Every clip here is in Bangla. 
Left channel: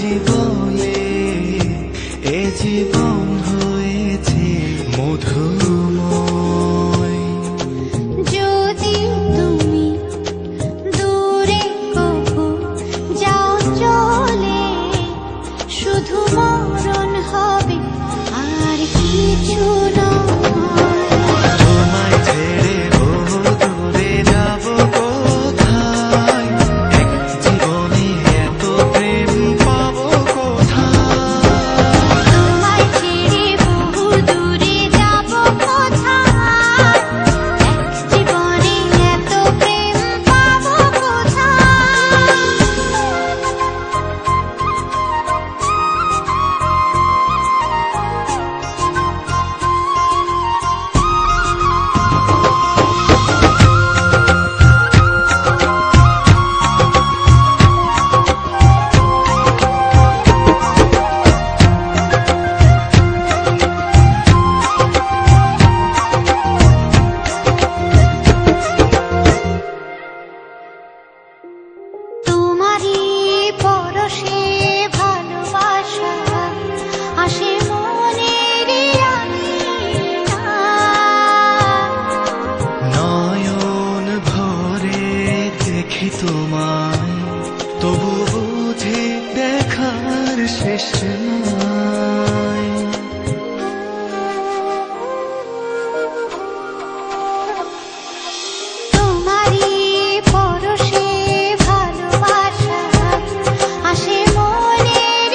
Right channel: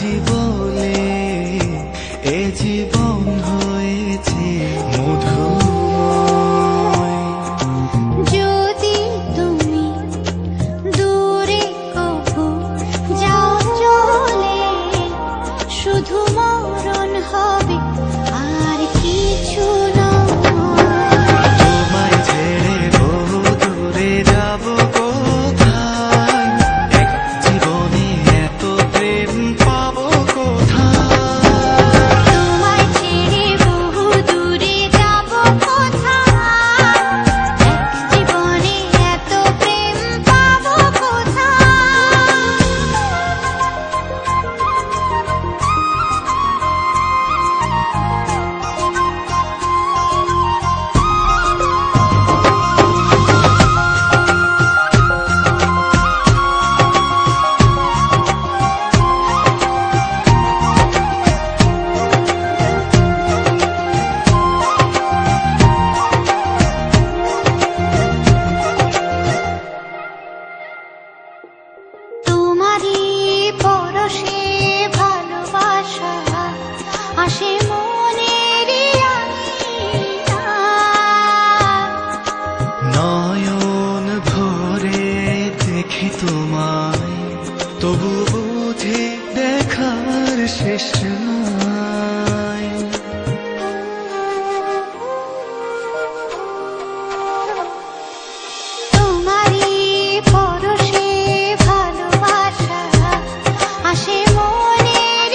বুঝি বলে এ জীবন হয়েছে মধুময়। যদি তুমি দূরে কভু যাও চলে, শুধু মরণ হবে আর কিছু নয়। তোমায় ছেড়ে বহু দূরে যাব কোথায়, এক জীবনে এত প্রেম পাবো কোথায়। তোমায় ছেড়ে বহু দূরে যাব কোথায়, এক জীবনে এত প্রেম পাবো কোথায়। তোমারই পরশে ভালোবাসা আসে মনের নয়ন ভরে দেখি তোমায়, তবু বুঝে দেখার শেষ নাই। তোমারই পরশে ভালোবাসা আসে মনের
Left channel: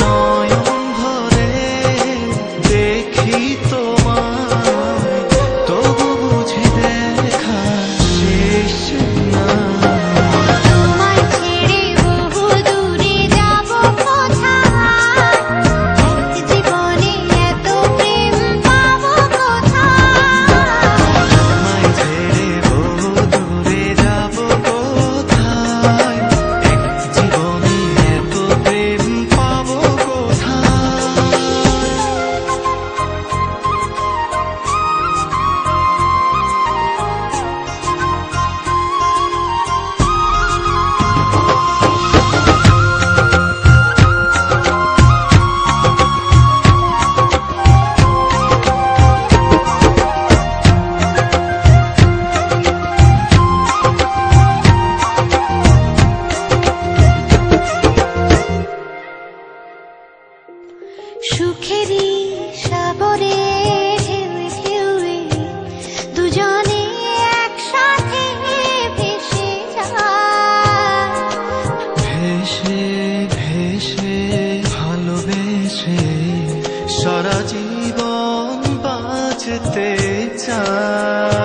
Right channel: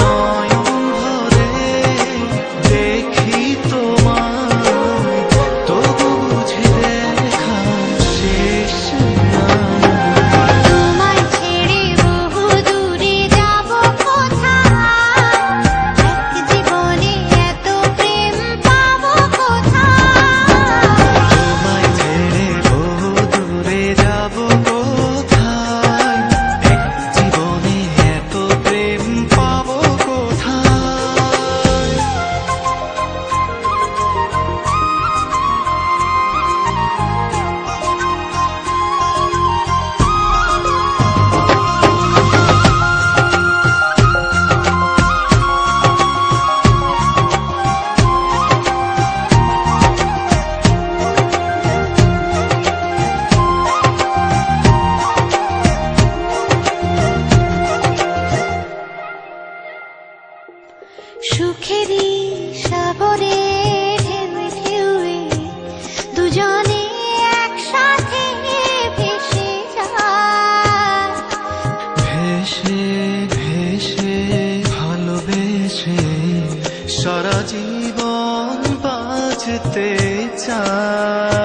নয়ন ভরে দেখি তোমায়, তবু বুঝে দেখার শেষ নাই। তোমায় ছেড়ে বহু দূরে যাব কোথায়, এক জীবনে এত প্রেম পাবো কোথায়। তোমায় ছেড়ে বহু দূরে যাব কোথায়, এক জীবনে এত প্রেম পাবো কোথায়। সুখেরই সাগরে ঢেউয়ে ঢেউয়ে দুজনে একসাথে ভেসে যায়। ভেসে ভেসে ভালোবেসে সারা জীবন বাঁচতে চায়।